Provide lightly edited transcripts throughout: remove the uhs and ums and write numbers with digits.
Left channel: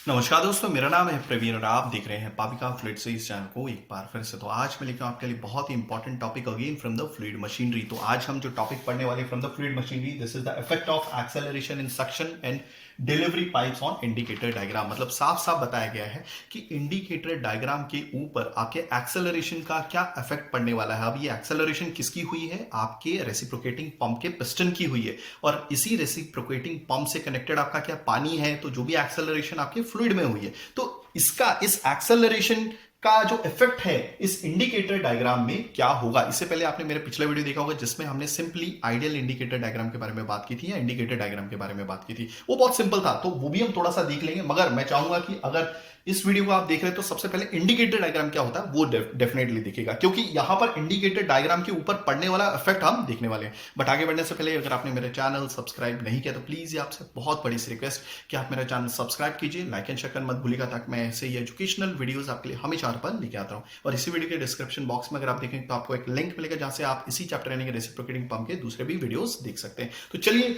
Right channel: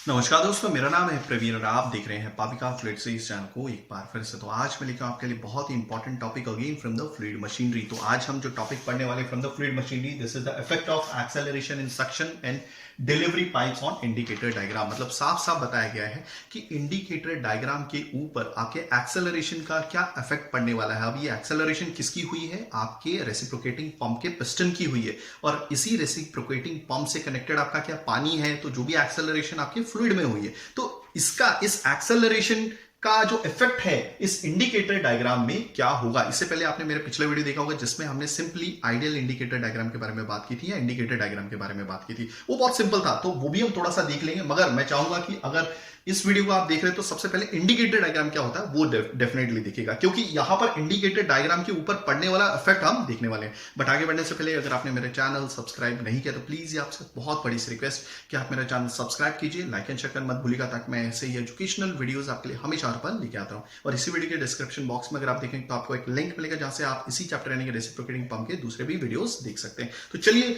नमस्कार दोस्तों, मेरा नाम है प्रवीण और आप देख रहे हैं पापिका फ्लूइड सीरीज चैनल को एक बार फिर से। तो आज मैं लेकर आपके लिए बहुत ही important topic again from the fluid machinery. तो आज हम जो टॉपिक पढ़ने वाले from the fluid machinery, this is the effect of acceleration in suction and delivery pipes on indicator diagram. मतलब साफ साफ बताया गया है कि इंडिकेटर डायग्राम के ऊपर आके एक्सेलरेशन का क्या इफेक्ट पड़ने वाला है। अब ये एक्सेलरेशन किसकी हुई है? आपके रेसिप्रोकेटिंग पंप के पिस्टन की हुई है, और इसी रेसिप्रोकेटिंग पंप से कनेक्टेड आपका क्या पानी है, तो जो भी एक्सेलरेशन आपके फ्लूइड में हुई है, तो इसका इस एक्सेलरेशन का जो इफेक्ट है इस इंडिकेटर डायग्राम में क्या होगा। इससे पहले आपने मेरे पिछला वीडियो देखा होगा जिसमें हमने सिंपली आइडियल इंडिकेटर डायग्राम के बारे में बात की थी या इंडिकेटर डायग्राम के बारे में बात की थी। वो बहुत सिंपल था, तो वो भी हम थोड़ा सा देख लेंगे। मगर मैं चाहूंगा कि अगर इस वीडियो को आप देख रहे हैं तो सबसे पहले इंडिकेटर डायग्राम क्या होता है वो डेफिनेटली दिखेगा, क्योंकि यहां पर इंडिकेटर डायग्राम के ऊपर पड़ने वाला इफेक्ट हम देखने वाले हैं। बट आगे बढ़ने से पहले अगर आपने मेरे चैनल सब्सक्राइब नहीं किया तो प्लीज ये आपसे बहुत बड़ी सी रिक्वेस्ट कि आप मेरा चैनल सब्सक्राइब कीजिए, लाइक एंड शेयर करना मत भूलिएगा, ताकि मैं ऐसे ही एजुकेशनल वीडियोस आपके लिए हमेशा हर पल लेके आता हूं। और इसी वीडियो के डिस्क्रिप्शन बॉक्स में अगर आप देखें तो आपको एक लिंक मिलेगा जहां से आप इसी चैप्टर यानी कि रेसिप्रोकेटिंग पंप के दूसरे भी वीडियोस देख सकते हैं। तो चलिए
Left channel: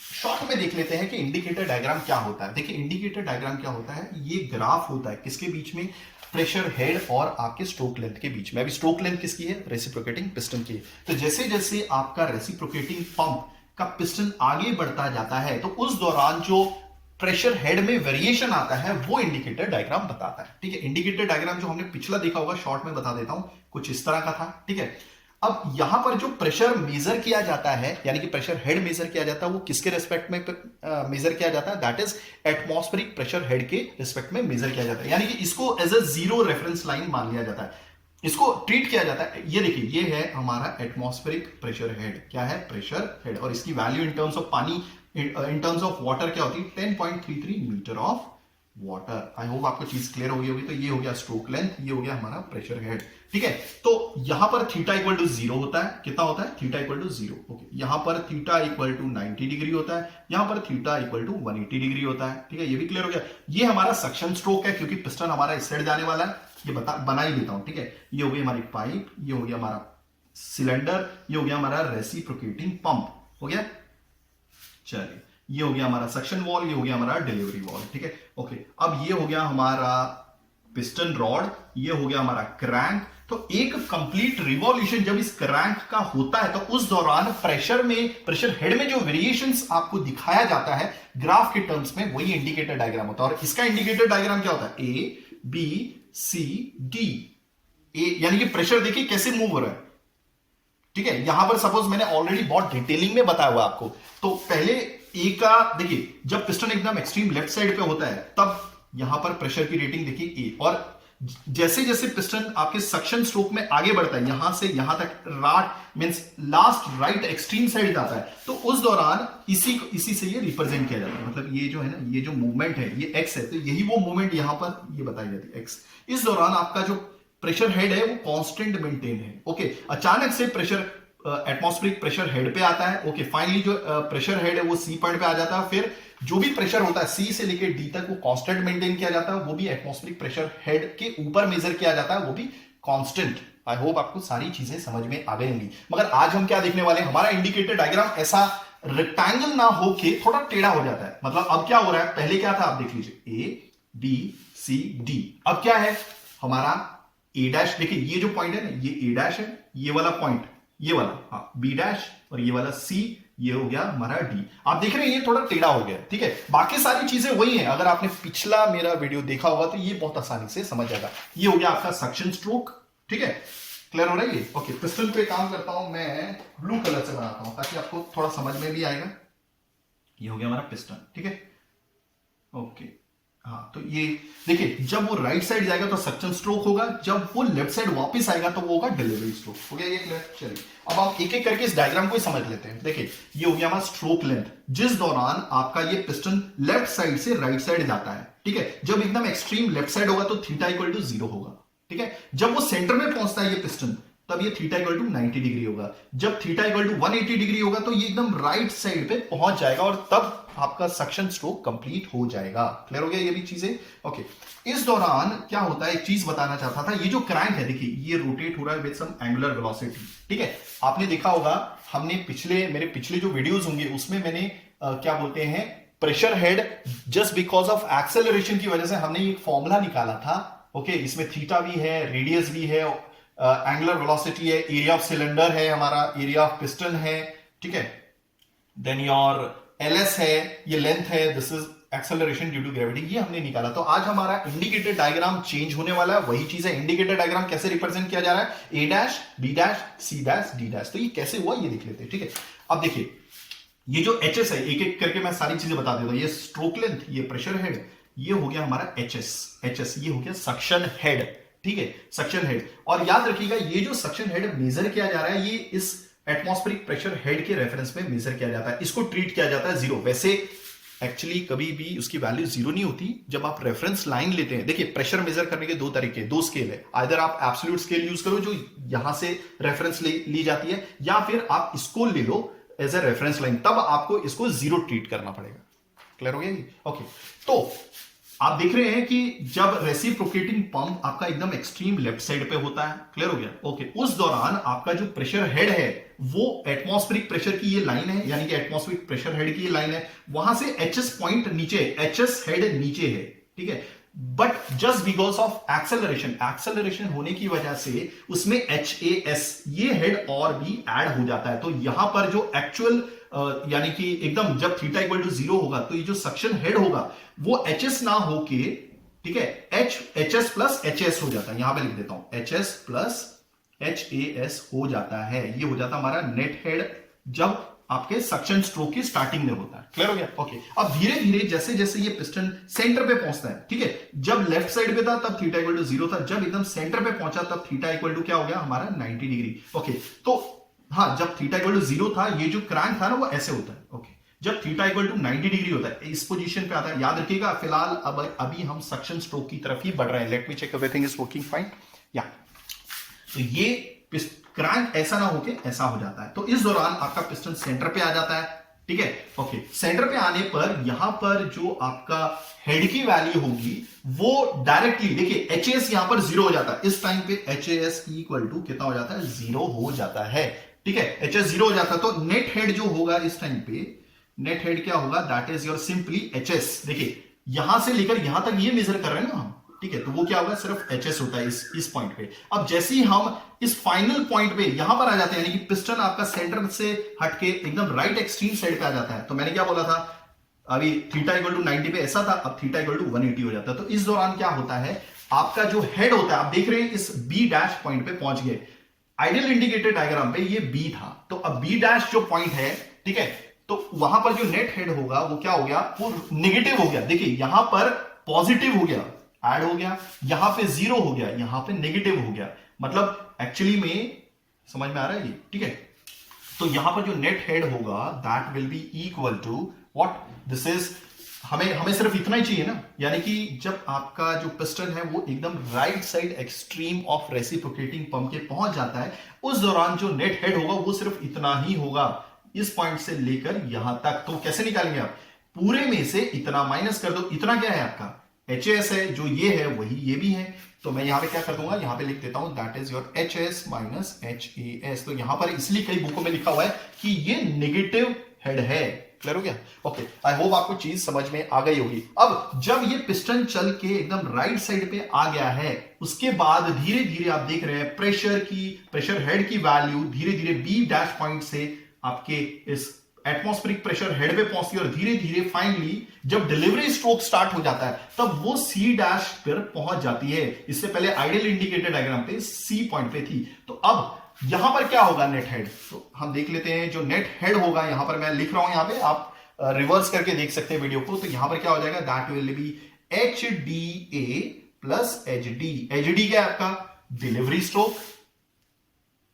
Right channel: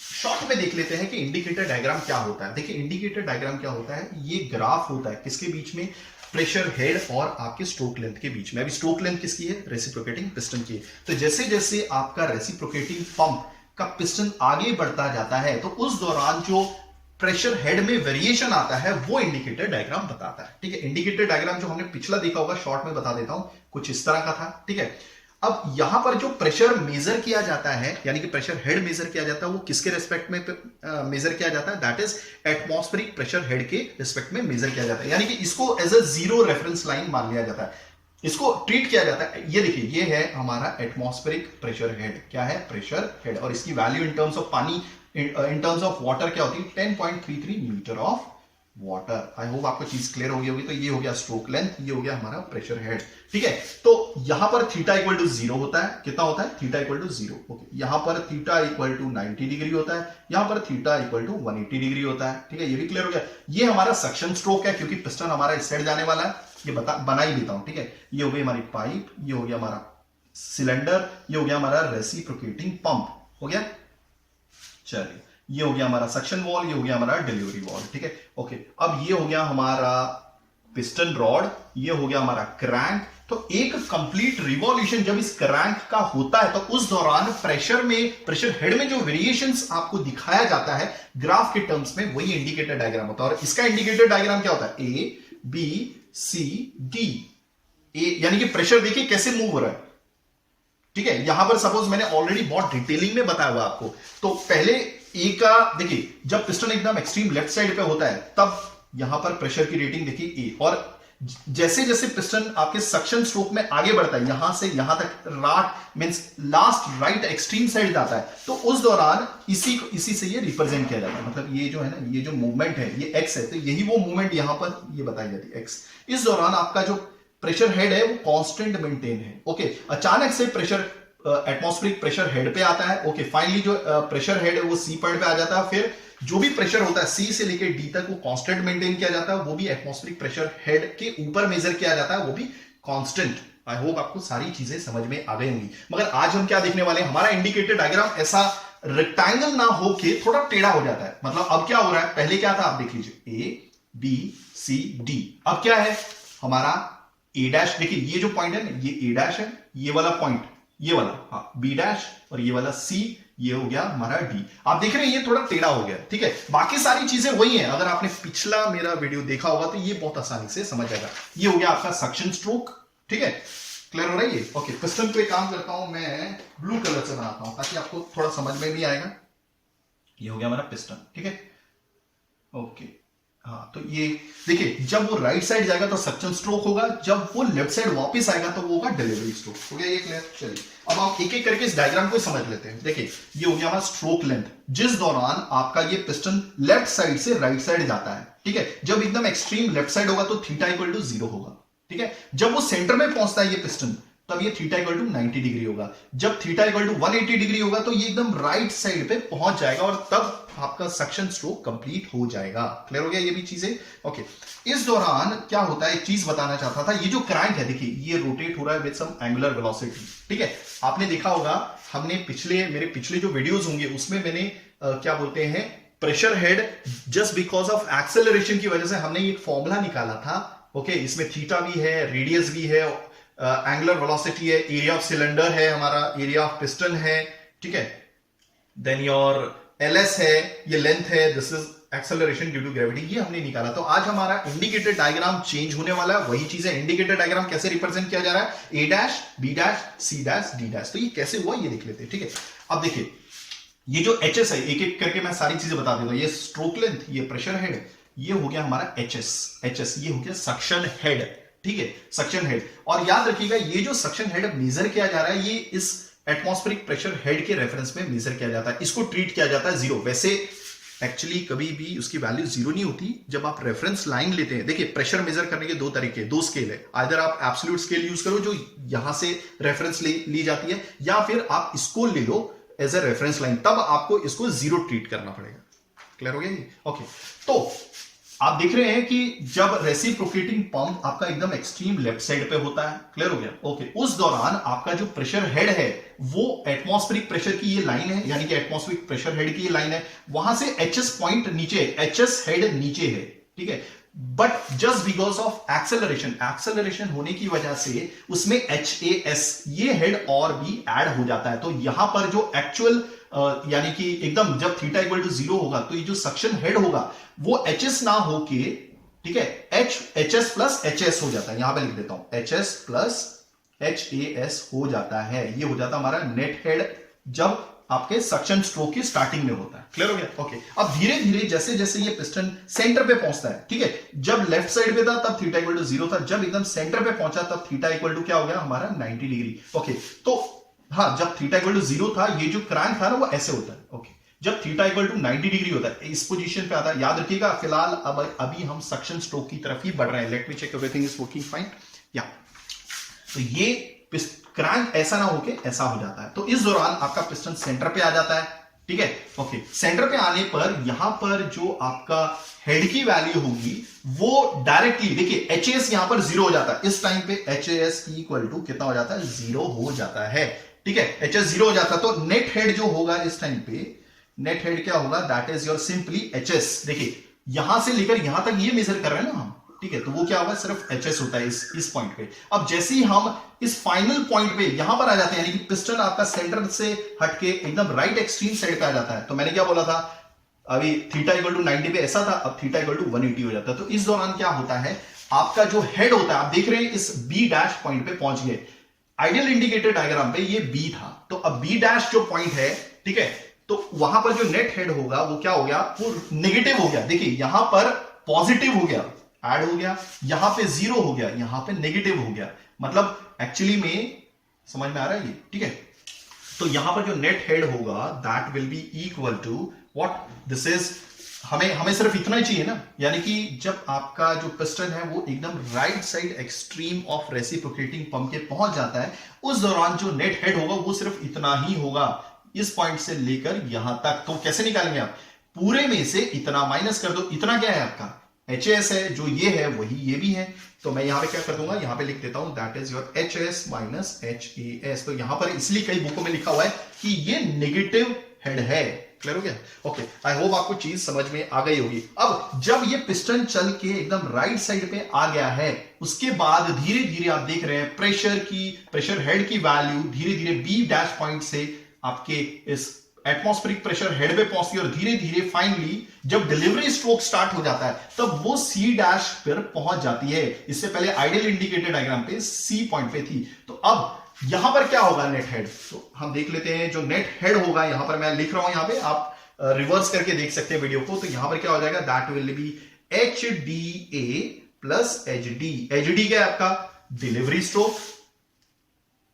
शॉर्ट में देख लेते हैं कि इंडिकेटर डायग्राम क्या होता है। देखिए इंडिकेटर डायग्राम क्या होता है, ये ग्राफ होता है किसके बीच में? प्रेशर हेड और आपके स्ट्रोक लेंथ के बीच में। अभी स्ट्रोक लेंथ किसकी है? रेसिप्रोकेटिंग पिस्टन की है। तो जैसे जैसे आपका रेसिप्रोकेटिंग पंप का पिस्टन आगे बढ़ता जाता है तो उस दौरान जो प्रेशर हेड में वेरिएशन आता है वो इंडिकेटर डायग्राम बताता है। ठीक है, इंडिकेटर डायग्राम जो हमने पिछला देखा होगा शॉर्ट में बता देता हूं, कुछ इस तरह का था। ठीक है, अब यहां पर जो प्रेशर मेजर किया जाता है यानी कि प्रेशर हेड मेजर किया जाता है वो किसके रेस्पेक्ट में मेजर किया जाता है? That is atmospheric pressure head के रेस्पेक्ट में मेजर किया जाता है, यानी कि इसको as a zero reference line मान लिया जाता है, इसको ट्रीट किया जाता है। ये देखिए, ये है हमारा एटमॉस्फेरिक प्रेशर हेड। क्या है? Pressure head. और इसकी वैल्यू इन टर्म्स ऑफ पानी, इन टर्म्स ऑफ वाटर क्या होती है? 10.33 metre of water. I hope आपको चीज क्लियर हो गई होगी। तो ये हो गया स्ट्रोक लेंथ, ये हो गया हमारा प्रेशर हेड। ठीक है, तो यहां पर थीटा इक्वल टू 0 होता है। कितना होता है? Theta equal to 0। ओके, यहां पर थीटा इक्वल टू 90 डिग्री होता है, यहां पर थीटा इक्वल टू 180 डिग्री होता है। ठीक है, ये भी क्लियर हो गया। ये हमारा सक्शन स्ट्रोक है क्योंकि पिस्टन हमारा इस साइड जाने वाला है। ये बना ही देता हूं। ठीक है, ये हो गई हमारी पाइप, ये हो गया हमारा सिलेंडर, ये हो गया हमारा रेसिप्रोकेटिंग पंप। हो गया, चलिए ये हो गया हमारा सक्शन वॉल, ये हो गया हमारा डिलीवरी वॉल। ठीक है, ओके, अब ये हो गया हमारा पिस्टन रॉड, ये हो गया हमारा क्रैंक। तो एक कंप्लीट रिवॉल्यूशन जब इस क्रैंक का होता है तो उस दौरान प्रेशर हेड में जो वेरिएशंस आपको दिखाया जाता है ग्राफ के टर्म्स में, वही इंडिकेटर डायग्राम होता है। और इसका इंडिकेटर डायग्राम क्या होता है? A B C D. ए यानी कि प्रेशर देखिए कैसे मूव हो रहा है। ठीक है, यहां पर सपोज मैंने ऑलरेडी बहुत डिटेलिंग में बताया हुआ आपको। तो पहले ए का देखिए, जब पिस्टन एकदम एक्सट्रीम लेफ्ट साइड पे होता है तब यहां पर प्रेशर की रेटिंग देखिए ए, और जैसे जैसे पिस्टन आपके सक्शन स्ट्रोक में आगे बढ़ता है यहां से यहां तक rot means last right extreme side जाता है, तो उस दौरान इसी से ये रिप्रेजेंट किया जाता है। मतलब ये जो है ना, ये जो मूवमेंट है ये एक्स है, तो यही वो मूवमेंट यहां पर ये बताई जाती है एक्स। इस दौरान आपका जो प्रेशर हेड है वो कांस्टेंट मेंटेन है। ओके, अचानक से प्रेशर एटमॉस्फेरिक प्रेशर हेड पे आता है। ओके, फाइनली जो प्रेशर हेड है वो सी पॉइंट पे आ जाता है। फिर जो भी प्रेशर होता है सी से लेकर डी तक वो कांस्टेंट मेंटेन किया जाता है, वो भी एटमॉस्फेरिक प्रेशर हेड के ऊपर मेजर किया जाता है, वो भी कांस्टेंट। आई होप आपको सारी चीजें समझ में आ गई होंगी। मगर आज हम क्या देखने वाले हैं, हमारा इंडिकेटर डायग्राम ऐसा रेक्टेंगल ना हो के थोड़ा टेढ़ा हो जाता है। मतलब अब क्या हो रहा है, पहले क्या था आप देख लीजिए, ए बी सी डी। अब क्या है हमारा ए डैश। देखिए ये जो पॉइंट है ना, ये ए डैश है, ये वाला पॉइंट ये वाला, हाँ बी डैश, और ये वाला सी, ये हो गया हमारा डी। आप देख रहे हैं ये थोड़ा टेढ़ा हो गया। ठीक है, बाकी सारी चीजें वही हैं। अगर आपने पिछला मेरा वीडियो देखा होगा तो ये बहुत आसानी से समझ जाएगा। ये हो गया आपका सक्शन स्ट्रोक। ठीक है, क्लियर हो रहा है ये? ओके, पिस्टन पे काम करता हूं मैं, ब्लू कलर से बनाता हूं ताकि आपको थोड़ा समझ में भी आएगा। ये हो गया हमारा पिस्टन। ठीक है, ओके, हाँ, तो ये देखिए जब वो राइट साइड जाएगा तो सक्शन स्ट्रोक होगा, जब वो लेफ्ट साइड वापस आएगा तो वो होगा डिलीवरी स्ट्रोक। हो गया ये क्लियर? चलिए अब आप एक एक करके इस डायग्राम को समझ लेते हैं। देखिए ये हो गया हमारा स्ट्रोक लेंथ, जिस दौरान आपका ये पिस्टन लेफ्ट साइड से राइट साइड जाता है। ठीक है, जब एकदम एक्सट्रीम लेफ्ट साइड होगा तो थीटा इक्वल टू 0 होगा। ठीक है, जब वो सेंटर में पहुंचता है ये पिस्टन तब ये थीटा इक्वल टू 90 डिग्री होगा। जब थीटा इक्वल टू 180 डिग्री होगा तो ये एकदम राइट साइड पे पहुंच जाएगा और तब आपका सक्शन स्ट्रोक कंप्लीट हो जाएगा। क्लियर हो गया ये भी चीजें? ओके, इस दौरान क्या होता है, एक चीज बताना चाहता था। ये जो क्रैंक है देखिए ये रोटेट हो रहा है विद सम एंगुलर वेलोसिटी। ठीक है, आपने देखा होगा हमने मेरे पिछले जो वीडियोस होंगे उसमें मैंने क्या बोलते हैं pressure head just because of acceleration की वजह से हमने एक फॉर्मूला निकाला था। ओके, इसमें थीटा भी है, रेडियस भी है, एंगुलर वेलोसिटी है, एरिया ऑफ सिलेंडर है, हमारा एरिया ऑफ पिस्टन है, ठीक है, देन योर एलएस है, ये लेंथ है, this is acceleration due to gravity, ये हमने निकाला। तो आज हमारा इंडिकेटर डायग्राम चेंज होने वाला है। वही चीज है, इंडिकेटर डायग्राम कैसे रिप्रेजेंट किया जा रहा है, A dash, B dash, C dash, D dash. तो ये कैसे हुआ ये देख लेते हैं, ठीक है। अब देखिए ये जो एचएस है, एक एक करके मैं सारी चीजें बता देता हूं। ये स्ट्रोक लेंथ, ये प्रेशर हेड, ये हो गया हमारा एचएस, ये हो गया सक्शन हेड, ठीक है, सक्शन हेड। और याद रखिएगा ये जो सक्शन हेड मेजर किया जा रहा है, ये इस एटमॉस्फेरिक प्रेशर हेड के रेफरेंस में मेजर किया जाता है। इसको ट्रीट किया जाता है जीरो। वैसे एक्चुअली कभी भी उसकी वैल्यू जीरो नहीं होती जब आप रेफरेंस लाइन लेते हैं। देखिए प्रेशर मेजर करने के दो तरीके, दो स्केल है। आइदर आप एब्सोल्यूट स्केल यूज करो जो यहां से रेफरेंस ली जाती है, या फिर आप इसको ले लो एज ए रेफरेंस लाइन, तब आपको इसको जीरो ट्रीट करना पड़ेगा। क्लियर हो गया जी? ओके, तो आप देख रहे हैं कि जब रेसिप्रोकेटिंग पंप आपका एकदम एक्सट्रीम लेफ्ट साइड पे होता है, क्लियर हो गया? ओके, उस दौरान आपका जो प्रेशर हेड है वो एटमॉस्फेरिक प्रेशर की ये लाइन है, यानी कि एटमॉस्फेरिक प्रेशर हेड की ये लाइन है, वहां से एचएस पॉइंट नीचे, एचएस हेड नीचे है, ठीक है। But just because of acceleration होने की वजह से उसमें एच ये हेड और भी ऐड हो जाता है। तो यहां पर जो एक्चुअल यानी कि एकदम जब थीटा इक्वल टू जीरो होगा तो ये जो सक्शन हेड होगा वो एचएस ना होके, ठीक है, एचएस प्लस एचएस हो जाता है। यहां पे लिख देता हूं, एचएस प्लस एचएस हो जाता है। ये हो जाता है हमारा नेट हेड जब आपके सक्शन स्ट्रोक की स्टार्टिंग में होता है। क्लियर हो गया? ओके, अब धीरे धीरे जैसे जैसे ये पिस्टन सेंटर पे पहुंचता है, ठीक है, जब लेफ्ट साइड पे था तब थीटा इक्वल टू जीरो था, जब एकदम सेंटर पे पहुंचा तब थीटा इक्वल टू क्या हो गया हमारा 90 डिग्री। ओके, तो हाँ, जब थीटा इक्वल टू जीरो था ये जो क्रैंक था ना वो ऐसे होता है। ओके, जब थीटा इक्वल टू 90 डिग्री होता है इस पोजीशन पे आता है। याद रखिएगा फिलहाल अभी हम सक्शन स्ट्रोक की तरफ ही बढ़ रहे हैं। Let me check everything is working fine. या तो ये क्रैंक ऐसा ना होके ऐसा हो जाता है। तो इस दौरान आपका पिस्टन सेंटर पे आ जाता है, ठीक है। ओके, सेंटर पे आने पर यहां पर जो आपका हेड की वैल्यू होगी वो डायरेक्टली देखिए एचएस यहां पर जीरो हो जाता है। इस टाइम पे एचएस इक्वल टू कितना हो जाता है, जीरो हो जाता है, ठीक है। एचएस जीरो हो जाता है तो नेट हेड जो होगा इस टाइम पे, नेट हेड क्या होगा, that is your simply HS. देखिए यहां से लेकर यहां तक ये मेजर कर रहे हैं ना हम, ठीक है, तो वो क्या होगा, सिर्फ एचएस होता है इस पॉइंट पे। अब जैसे ही हम इस फाइनल पॉइंट पे यहां पर आ जाते हैं, यानी कि पिस्टन आपका सेंटर से हटके एकदम राइट एक्सट्रीम साइड पे आ जाता है, तो मैंने क्या बोला था अभी थीटा इक्वल टू 90 पे ऐसा था, अब थीटा इक्वल टू 180 हो जाता है। तो इस दौरान क्या होता है, आपका जो हेड होता है, आप देख रहे हैं इस बी डैश पॉइंट पे पहुंच गए। आइडियल इंडिकेटर डायग्राम पे ये बी था, तो अब बी डैश जो पॉइंट है, ठीक है, तो वहां पर जो नेट हेड होगा वो क्या हो गया, वो नेगेटिव हो गया। देखिए यहां पर पॉजिटिव हो गया, ऐड हो गया, यहां पे जीरो हो गया, यहां पे नेगेटिव हो गया। मतलब एक्चुअली में समझ में आ रहा है ये, ठीक है। तो यहां पर जो नेट हेड होगा that will be equal to what, this is हमें सिर्फ इतना ही चाहिए ना, यानी कि जब आपका जो पिस्टन है वो एकदम right side extreme of reciprocating pump के पहुंच जाता है, उस दौरान जो नेट हेड होगा वो सिर्फ इतना ही होगा, इस पॉइंट से लेकर यहां तक। तो कैसे निकालेंगे आप, पूरे में से इतना माइनस कर दो। इतना क्या है आपका एचएस है, जो ये है वही ये भी है, तो मैं यहां पे क्या कर दूंगा, यहां पे लिख देता हूं that is your HS minus HS. तो यहां पर इसलिए कई बुकों में लिखा हुआ है कि ये नेगेटिव हेड है। क्लियर हो गया? ओके, आई होप आपको चीज समझ में आ गई होगी। अब जब ये पिस्टन चल के एकदम राइट साइड पे आ गया है, उसके बाद धीरे धीरे आप देख रहे हैं प्रेशर हेड की वैल्यू धीरे धीरे बी डैश पॉइंट से आपके इस एटमॉस्फेरिक प्रेशर हेड पे पहुंचती है, और धीरे धीरे फाइनली जब डिलीवरी स्ट्रोक स्टार्ट हो जाता है तब वो सी डैश पर पहुंच जाती है। इससे पहले आइडियल इंडिकेटर डायग्राम पे सी पॉइंट पे थी। तो अब यहां पर क्या होगा, नेट हेड, तो हम देख लेते हैं। जो नेट हेड होगा, यहां पर मैं लिख रहा हूं, यहां पे आप रिवर्स करके देख सकते हैं वीडियो को। तो यहां पर क्या हो जाएगा, that will B H D A plus H D. H D क्या है आपका, डिलीवरी स्ट्रोक,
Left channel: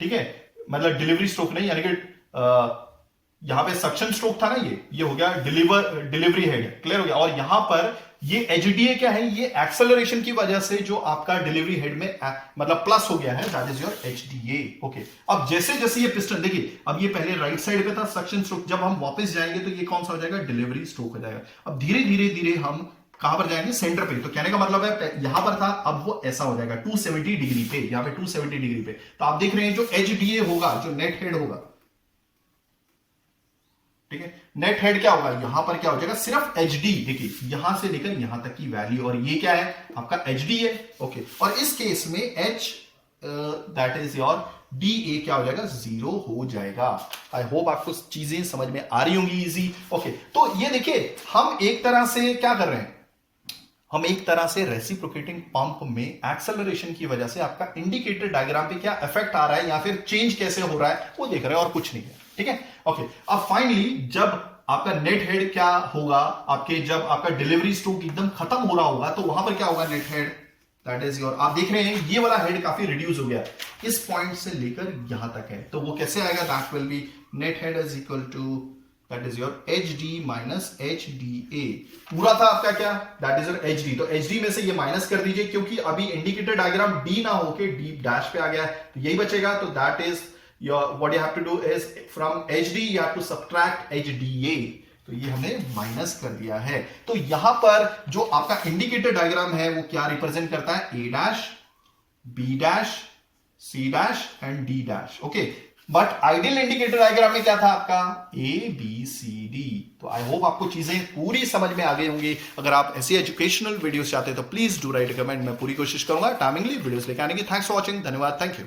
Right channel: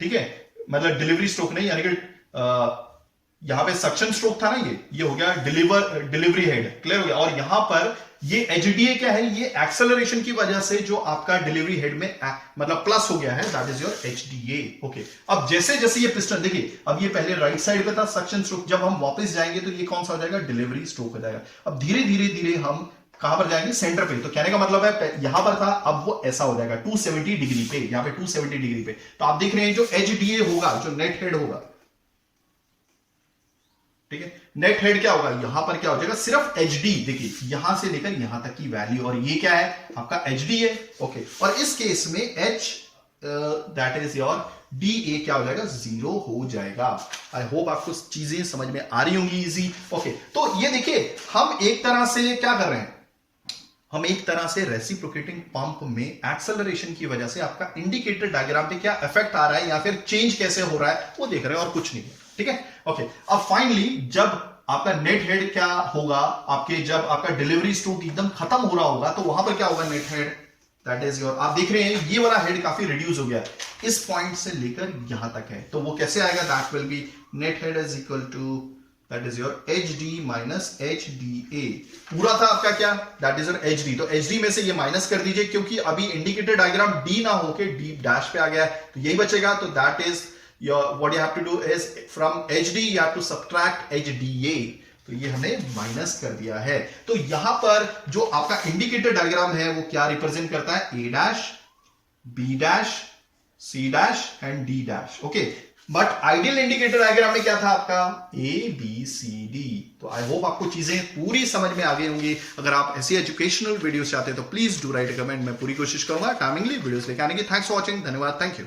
ठीक है, मतलब डिलीवरी स्ट्रोक नहीं, यानी कि यहां पे सक्शन स्ट्रोक था ना, ये हो गया डिलीवरी हेड। क्लियर हो गया? और यहां पर ये एचडीए क्या है, ये एक्सेलरेशन की वजह से जो आपका डिलीवरी हेड में मतलब प्लस हो गया है, दैट इज योर एचडीए। ओके, अब जैसे जैसे ये पिस्टन, देखिए अब ये पहले राइट साइड पे था सक्शन स्ट्रोक, जब हम वापस जाएंगे तो ये कौन सा हो जाएगा, डिलीवरी स्ट्रोक हो जाएगा। अब धीरे धीरे धीरे हम कहां पर जाएंगे, सेंटर पे। तो कहने का मतलब है यहां पर था, अब वो ऐसा हो जाएगा 270 डिग्री पे, यहां पे 270 डिग्री पे। तो आप देख रहे हैं जो एचडीए होगा, जो नेट हेड होगा, ठीक है, नेट हेड क्या होगा, यहां पर क्या हो जाएगा, सिर्फ एच डी, देखिए यहां से लेकर यहां तक की वैल्यू, और ये क्या है आपका एच डी है। ओके, और इस केस में H that is your D A क्या हो जाएगा, 0 हो जाएगा। आई होप आपको चीजें समझ में आ रही होंगी, इजी। ओके, तो ये देखिए हम एक तरह से क्या कर रहे हैं, हम एक तरह से रेसिप्रोकेटिंग पंप में एक्सेलरेशन की वजह से आपका इंडिकेटर डायग्राम पे क्या इफेक्ट आ रहा है या फिर चेंज कैसे हो रहा है वो देख रहे हैं, और कुछ नहीं है। ठीक है, ओके। अब फाइनली जब आपका नेट हेड क्या होगा, आपके जब आपका डिलीवरी स्ट्रोक एकदम खत्म हो रहा होगा तो वहां पर क्या होगा, net head that is your, आप देख रहे हैं ये वाला हेड काफी रिड्यूस हो गया, इस पॉइंट से लेकर यहां तक है, तो वो कैसे आएगा, that will be net head is equal to that is your H D minus H D A. पूरा था आपका क्या, that is your H D, तो एच डी में से ये माइनस कर दीजिए क्योंकि अभी इंडिकेटर डायग्राम डी ना होके डी डैश पे आ गया है, तो यही बचेगा। तो that is your what you have to do is from H D you have to subtract H D A, तो ये हमने माइनस कर दिया है। तो यहां पर जो आपका इंडिकेटर डायग्राम है वो क्या रिप्रेजेंट करता है, A dash, B dash, C dash and D dash. Okay, but ideal indicator diagram में क्या था आपका, ए बी सी डी। तो आई होप आपको चीजें पूरी समझ में आ गई होंगी। अगर आप ऐसी एजुकेशनल वीडियोस चाहते हैं तो प्लीज डू राइट कमेंट, मैं पूरी कोशिश करूंगा टाइमिंगली वीडियोस लेके आने की। थैंक्स फॉर वॉचिंग, धन्यवाद, थैंक यू।